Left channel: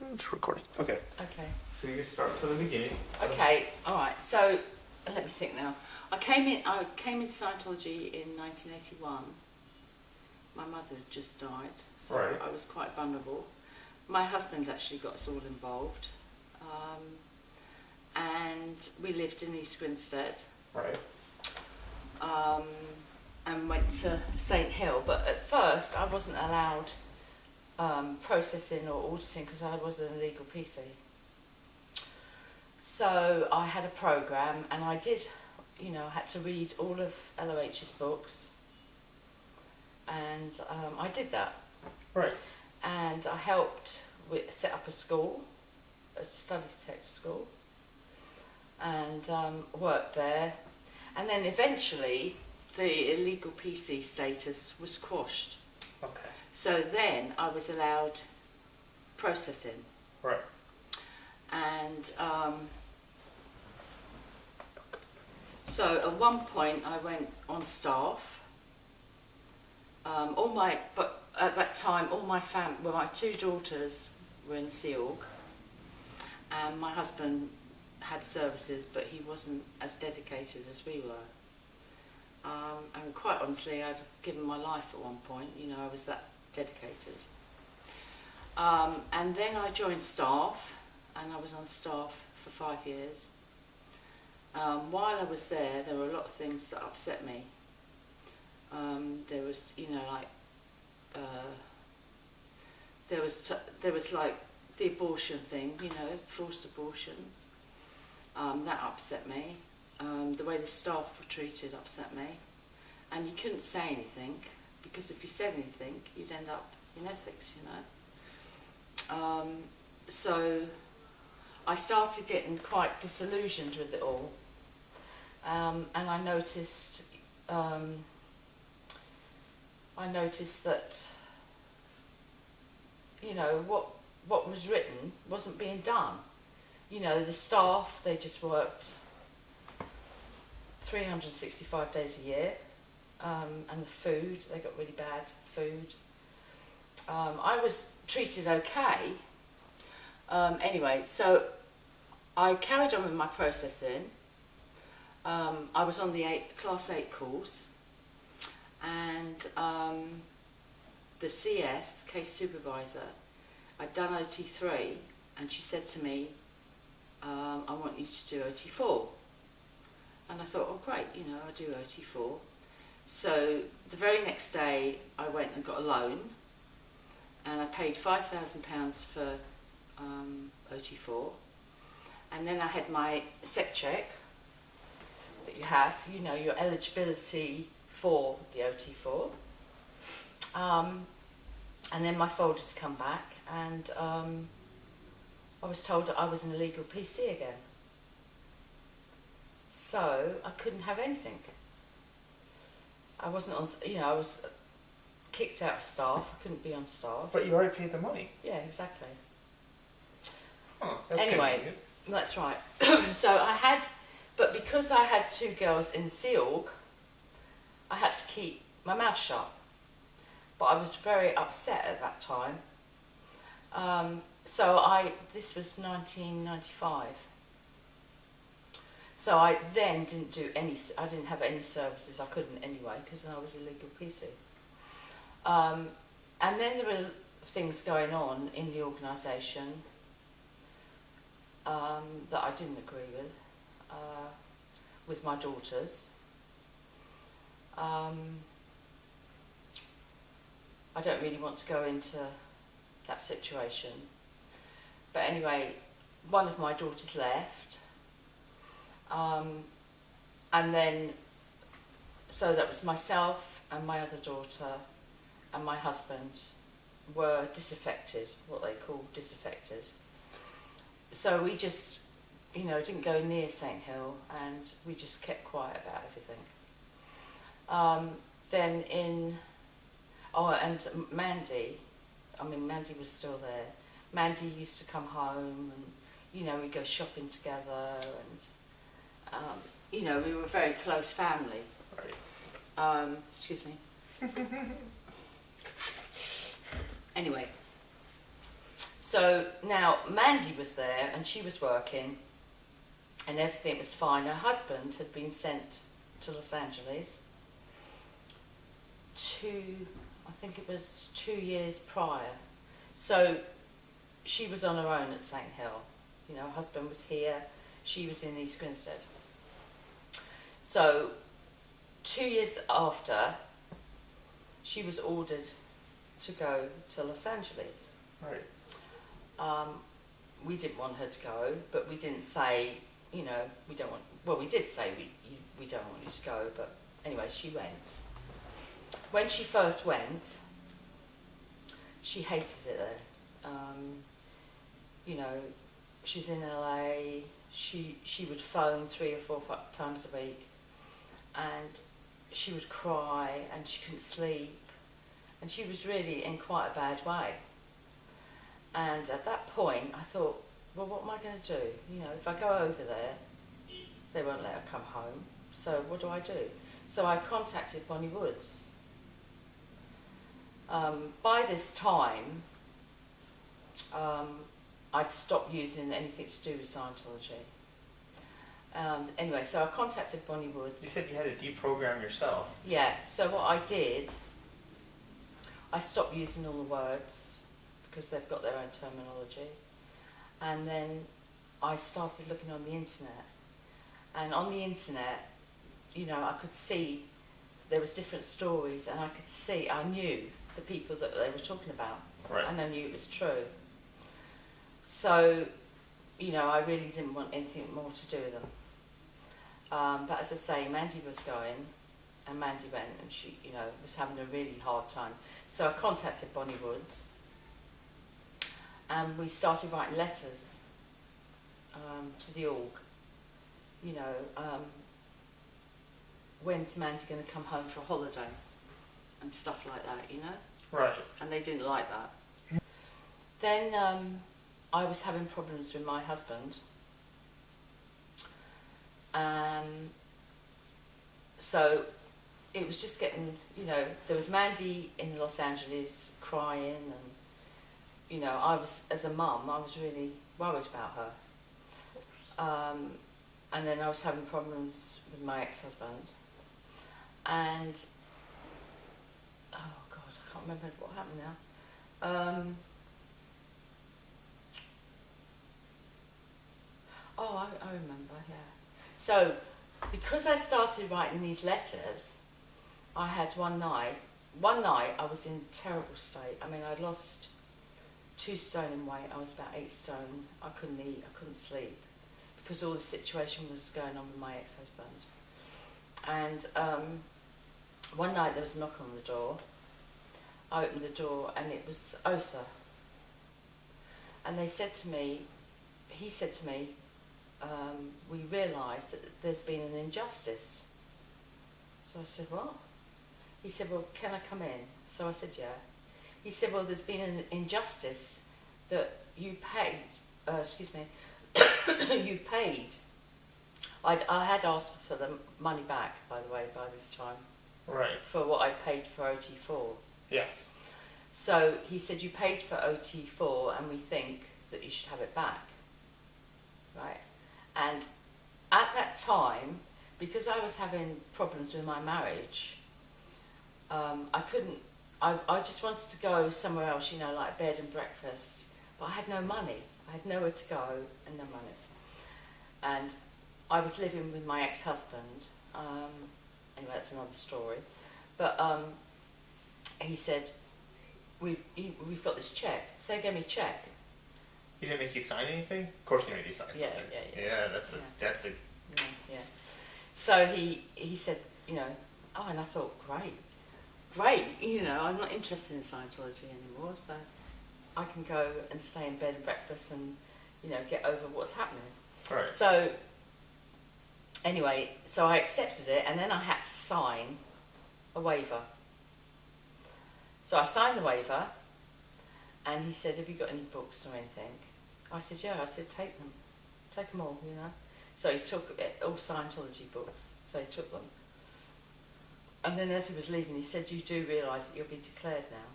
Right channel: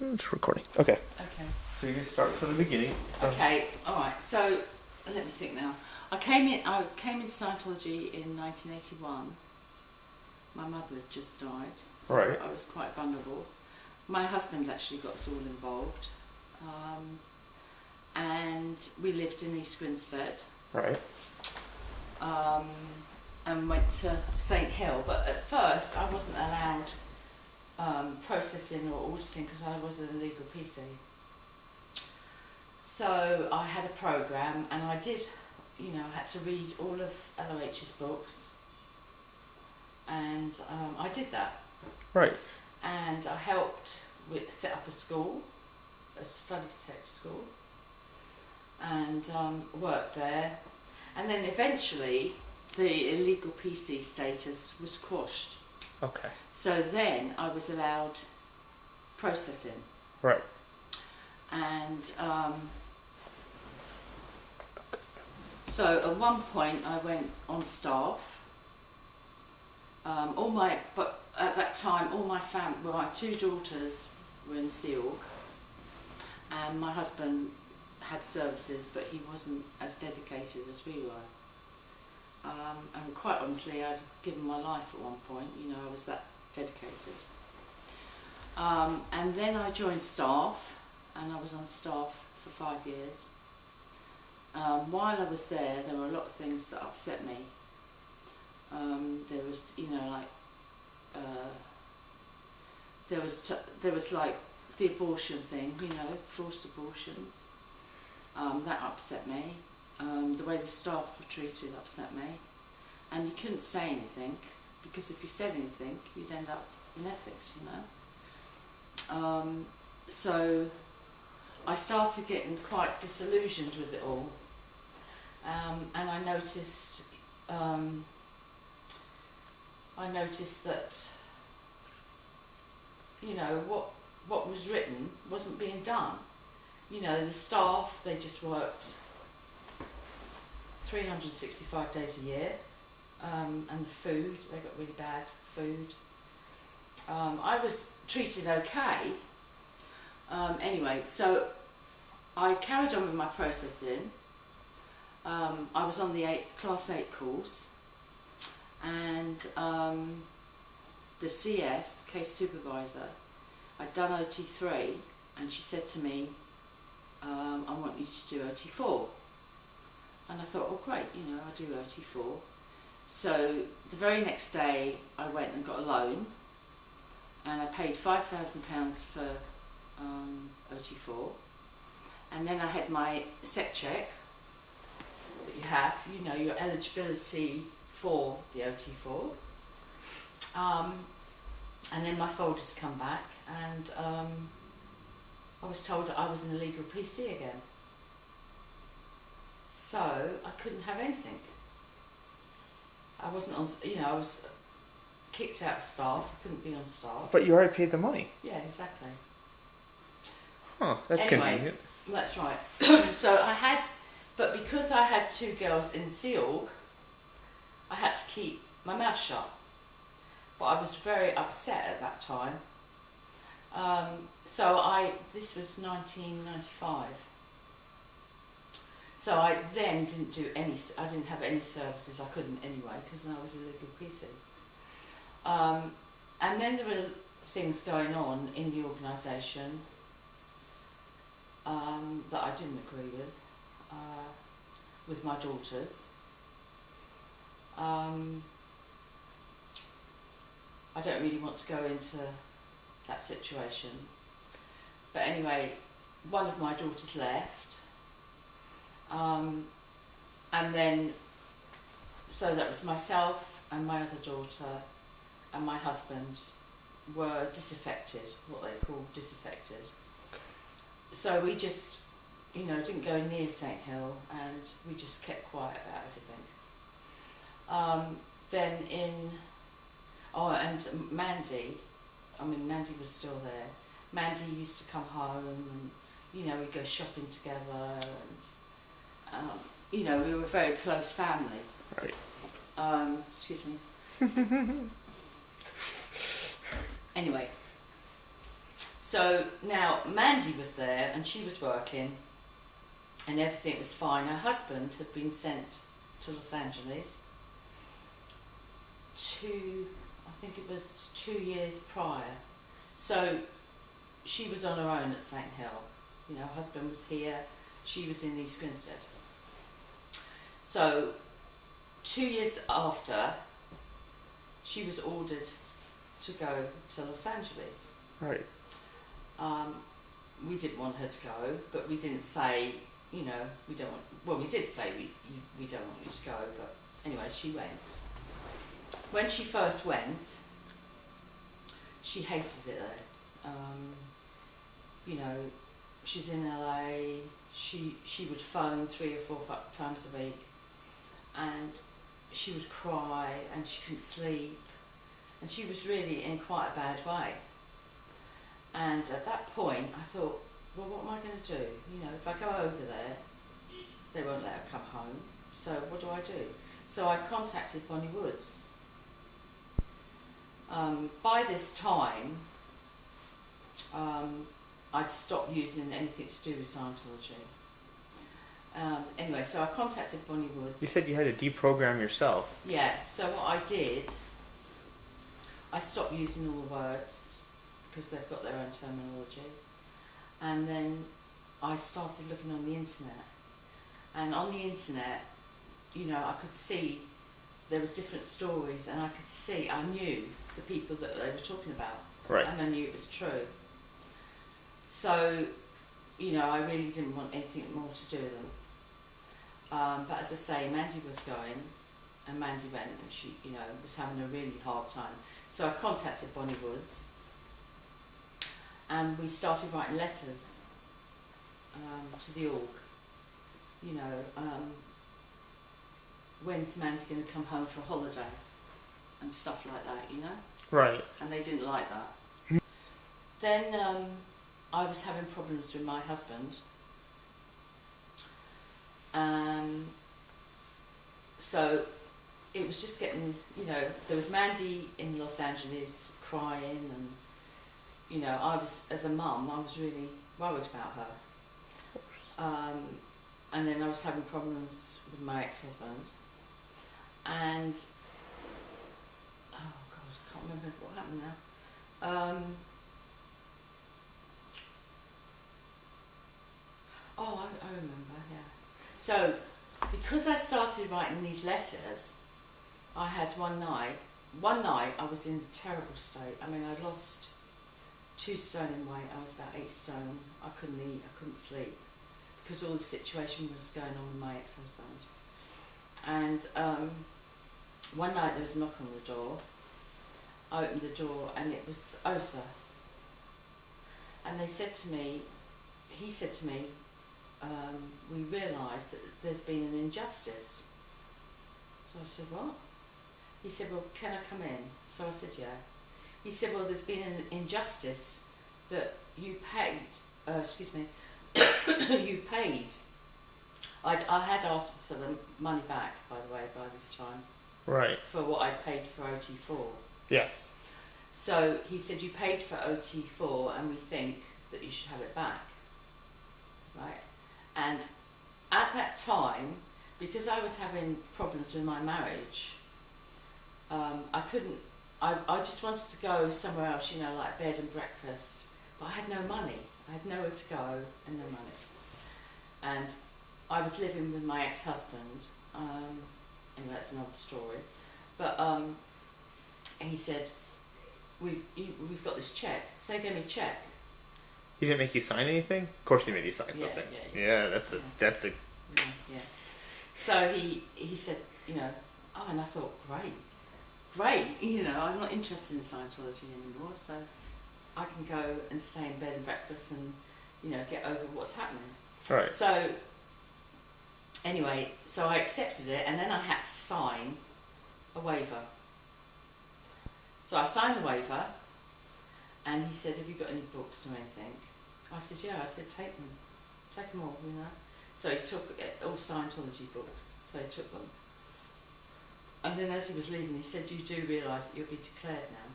It's recording. Okay. Okay. So you start from the beginning. Okay. All right. So let me think now. I came into Scientology in 1981. My mother had just died, so Right. I was quite vulnerable. My husband actually got us all involved, and we lived in East Grinstead. Right. And went to St Hill, but at first I wasn't allowed processing or auditing because I was an illegal PC. So I had a program, and I did, I had to read all of LOH's books, and I did that. Right. And I helped set up a school, a study detector school, and worked there. And then eventually the illegal PC status was quashed. Okay. So then I was allowed processing. Right. And so at one point I went on staff. But at that time all my my two daughters were in SEALG, and my husband had services, but he wasn't as dedicated as we were. And quite honestly, I'd given my life at one point. I was that dedicated. And then I joined staff, and I was on staff for 5 years. While I was there were a lot of things that upset me. There was, there was like the abortion thing, forced abortions. That upset me. The way the staff were treated upset me. And you couldn't say anything, because if you said anything, you'd end up in ethics, So I started getting quite disillusioned with it all. And I noticed that, what was written wasn't being done. The staff, they just worked 365 days a year, and the food, they got really bad food. I was treated okay. Anyway, so I carried on with my processing. I was on the Class 8 course, and the CS, case supervisor, I'd done OT3, and she said to me, I want you to do OT4. And I thought, oh great, I'll do OT4. So the very next day I went and got a loan, and I paid £5,000 for OT4. And then I had my SEC check that you have, your eligibility for the OT4. And then my folders come back, and I was told that I was an illegal PC again. So I couldn't have anything. I wasn't on, I was kicked out of staff. I couldn't be on staff. But you already paid the money. Yeah, exactly. Oh, that's anyway, convenient. That's right. So but because I had two girls in SEALG, I had to keep my mouth shut. But I was very upset at that time. This was 1995. So I then I didn't have any services. I couldn't anyway, because I was illegal PC. And then there were things going on in the organisation that I didn't agree with my daughters. I don't really want to go into that situation. But anyway, one of my daughters left. And then, so that was myself and my other daughter and my husband were disaffected, what they call disaffected. So we just, didn't go near St Hill, and we just kept quiet about everything. And Mandy was still there. Mandy used to come home, and we'd go shopping together, and we were a very close family. Right. Excuse me. Anyway, So now Mandy was there and she was working and everything was fine. Her husband had been sent to Los Angeles I think it was 2 years prior. So she was on her own at St Hill. You know, her husband was here, she was in East Grinstead. So 2 years after, she was ordered to go to Los Angeles. Right. We didn't want her to go, but we didn't say, you know, we don't want. Well, we did say we don't want you to go, but anyway, she went. When she first went, she hated it there. You know, she's in LA. She would phone 3 or 4 times a week, and she would cry, and she couldn't sleep, and she was really in quite a bad way. And at that point, I thought, well, what am I going to do? You know, if I go over there, they won't let her come home. So what do I do? So I contacted Bonnie Woods. By this time, I'd stopped using anything to do with Scientology. Anyway, so I contacted Bonnie Woods. You said you had to deprogram yourself. Yeah, so what I did, I stopped using all the words because they've got their own terminology. And then I started looking on the internet. And on the internet, you know, I could see there was different stories, and I knew the people that they were talking about. Right. And I knew it was true. So, you know, I really didn't want anything more to do with them. But as I say, Mandy was going, and Mandy went, and she, you know, was having a really hard time. So I contacted Bonnie Woods, and we started writing letters to the org. You know, when's Mandy going to come home for a holiday? And stuff like that, you know? Right. And they didn't like that. Then I was having problems with my husband. So it was just getting, you know, there was Mandy in Los Angeles crying, and, you know, I was, as a mum, I was really worried about her. And then I was having problems with my ex-husband. And, oh God, I can't remember what happened now. I remember, yeah. So, because I started writing these letters, I had one night I was in a terrible state. I mean, I'd lost 2 stone in weight. I was about 8 stone. I couldn't eat, I couldn't sleep, because all the situation was going on with my ex-husband. And one night there was a knock on the door. I opened the door and it was OSA. And he said to me, we realised that there's been an injustice. So I said, what? He said, well, can I come in? So I said, yeah. He said, well, there's been an injustice that you paid, you paid. I had asked for the money back, by the way, by this time. Right. For what I paid for OT4. Yes. So he said, you paid for OT4 and we think that you should have it back. Right? And at that time, because I was having problems with my marriage, I couldn't, I just wanted to go somewhere else, you know, like bed and breakfast, but I had no money. I had nowhere to go and no money. And I was living with my ex-husband, anyway, that's another story, but he said, we've got this check, so he gave me a check. He didn't make you sign anything? Of course he made you sign Yeah, something. yeah. That's a Yeah. So he said, you know, oh, and I thought, great, you know, I'm not interested in Scientology anymore, so I can go and stay in bed and breakfast and, you know, get over what's happening. right. So anyway, so I accepted it, and then I had to sign a waiver. So I signed the waiver, and he said, have you got any books or anything? I said, yeah. I said, take them all, you know. So he took all Scientology books, so he took them. And then as he was leaving, he said, you do realise that you'll be declared now.